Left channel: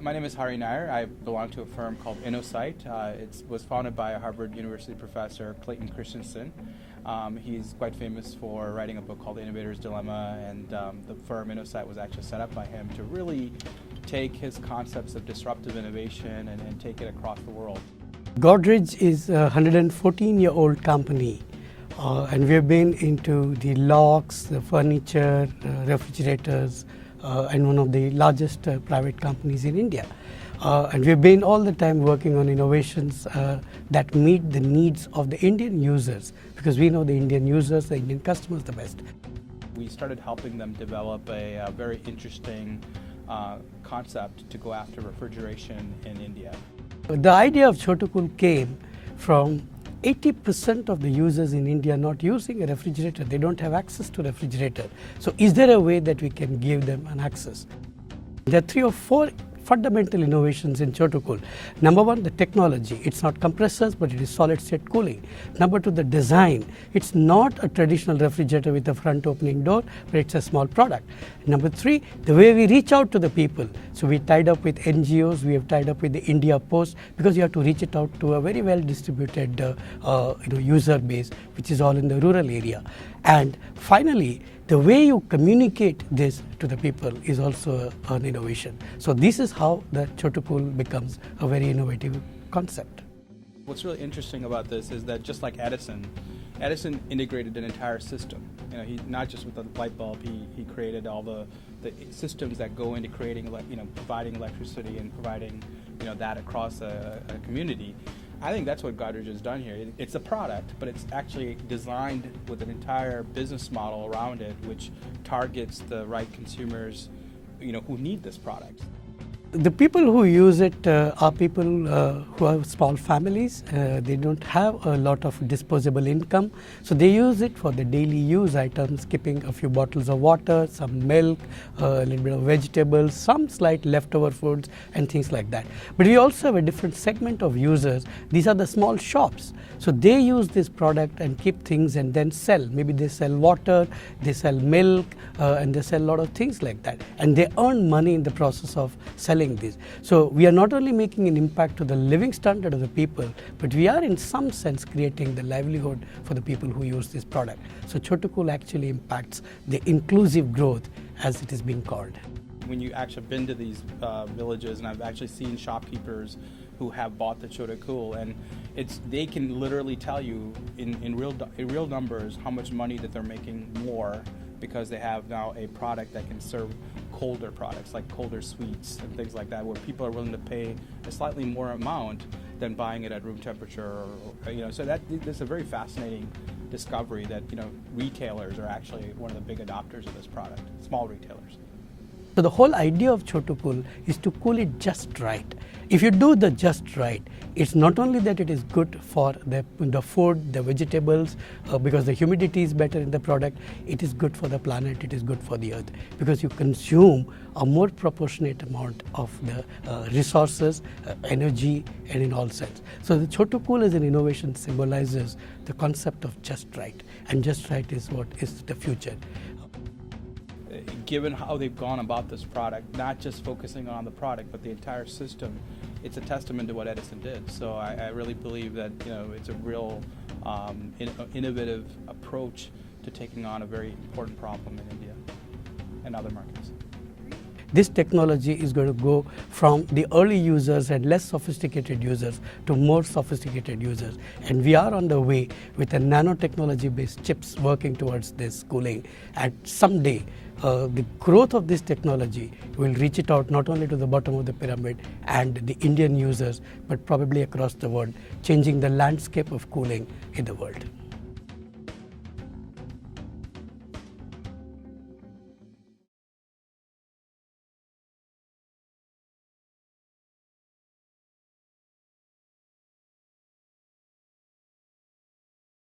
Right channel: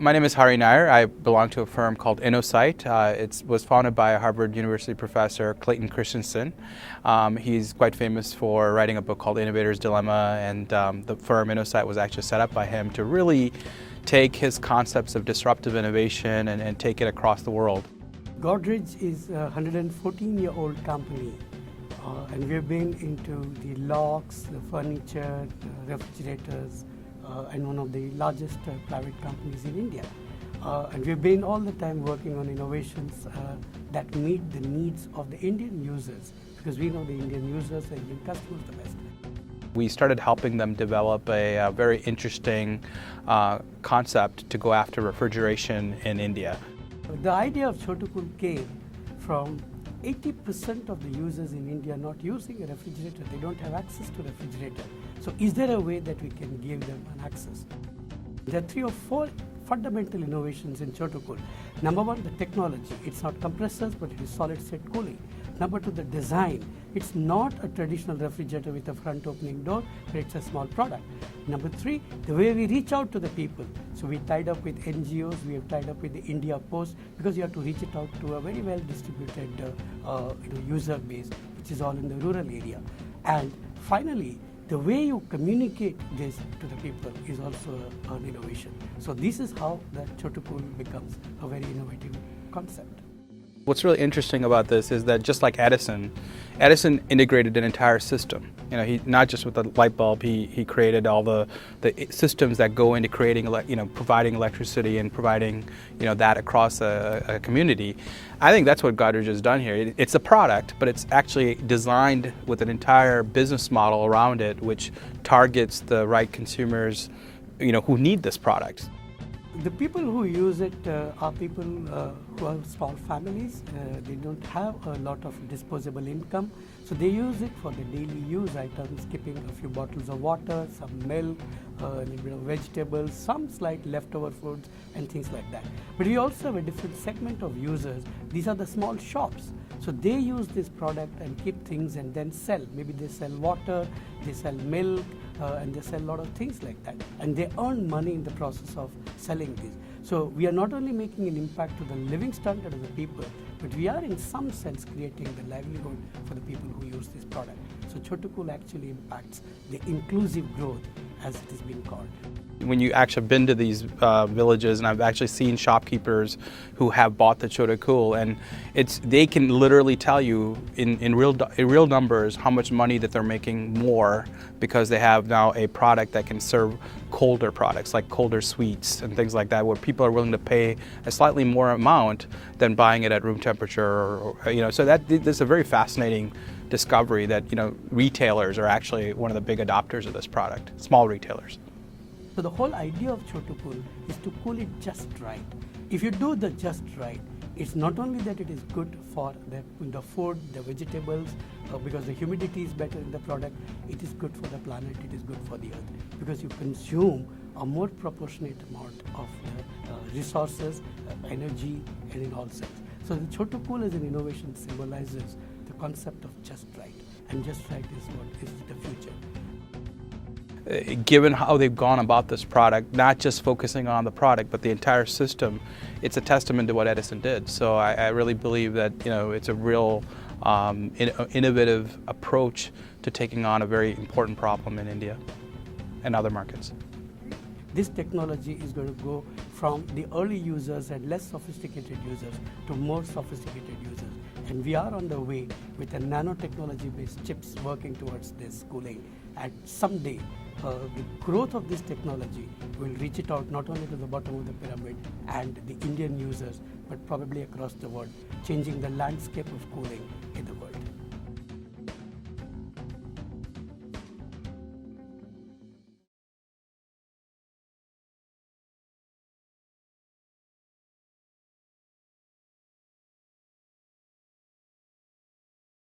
My name is Hari Nair. I belong to a firm called InnoSight. It was founded by a Harvard University professor, Clayton Christensen. He's quite famous for writing a book called Innovator's Dilemma, and the firm InnoSight was actually set up by him to really take his concepts of disruptive innovation and take it across the world. Godrej is a 114-year-old company, and we've been into the locks, the furniture, refrigerators, and one of the largest private companies in India. And we've been all the time working on innovations that meet the needs of the Indian users, because we know the Indian users, the Indian customers the best. We started helping them develop a very interesting concept to go after refrigeration in India. The idea of Chotukool came from 80% of the users in India not using a refrigerator. They don't have access to a refrigerator. So is there a way that we can give them an access? There are 3 or 4 fundamental innovations in Chotukool. Number 1, the technology. It's not compressors, but it is solid state cooling. Number 2, the design. It's not a traditional refrigerator with a front opening door, but it's a small product. Number 3, the way we reach out to the people. So we tied up with NGOs, we have tied up with the India Post, because you have to reach it out to a very well distributed user base, which is all in the rural area. And finally, the way you communicate this to the people is also an innovation. So this is how the Chotukool becomes a very innovative concept. What's really interesting about this is that just like Edison integrated an entire system. He not just with the light bulb, he created all the systems that go into creating, providing electricity and providing, that across a community. I think that's what Godrej has done here. It's a product, but it's actually designed with an entire business model around it, which targets the right consumers, who need this product. The people who use it are people who have small families. They don't have a lot of disposable income, so they use it for the daily use items, keeping a few bottles of water, some milk, a little bit of vegetables, some slight leftover foods and things like that. But we also have a different segment of users. These are the small shops. So they use this product and keep things and then sell. Maybe they sell water, they sell milk, and they sell a lot of things like that. And they earn money in the process of selling this. So we are not only making an impact to the living standard of the people, but we are in some sense creating the livelihood for the people who use this product. So Chotukool actually impacts the inclusive growth, as it is being called. When you actually been to these villages, and I've actually seen shopkeepers who have bought the Chotukool, and they can literally tell you in real numbers how much money that they're making more, because they have now a product that can serve colder products like colder sweets and things like that, where people are willing to pay a slightly more amount than buying it at room temperature. So that's a very fascinating discovery that retailers are actually one of the big adopters of this product, small retailers. So the whole idea of Chotukool is to cool it just right. If you do the just right, it's not only that it is good for the food, the vegetables, because the humidity is better in the product, it is good for the planet, it is good for the earth, because you consume a more proportionate amount of the resources, energy, and in all sense. So the Chotukool as an innovation symbolizes the concept of just right, and just right is what is the future. Given how they've gone about this product, not just focusing on the product, but the entire system, it's a testament to what Edison did. So I really believe that it's a real innovative approach to taking on a very important problem in India and other markets. This technology is going to go from the early users and less sophisticated users to more sophisticated users. And we are on the way with a nanotechnology-based chips working towards this cooling. And someday, the growth of this technology will reach it out not only to the bottom of the pyramid and the Indian users, but probably across the world, changing the landscape of cooling in the world.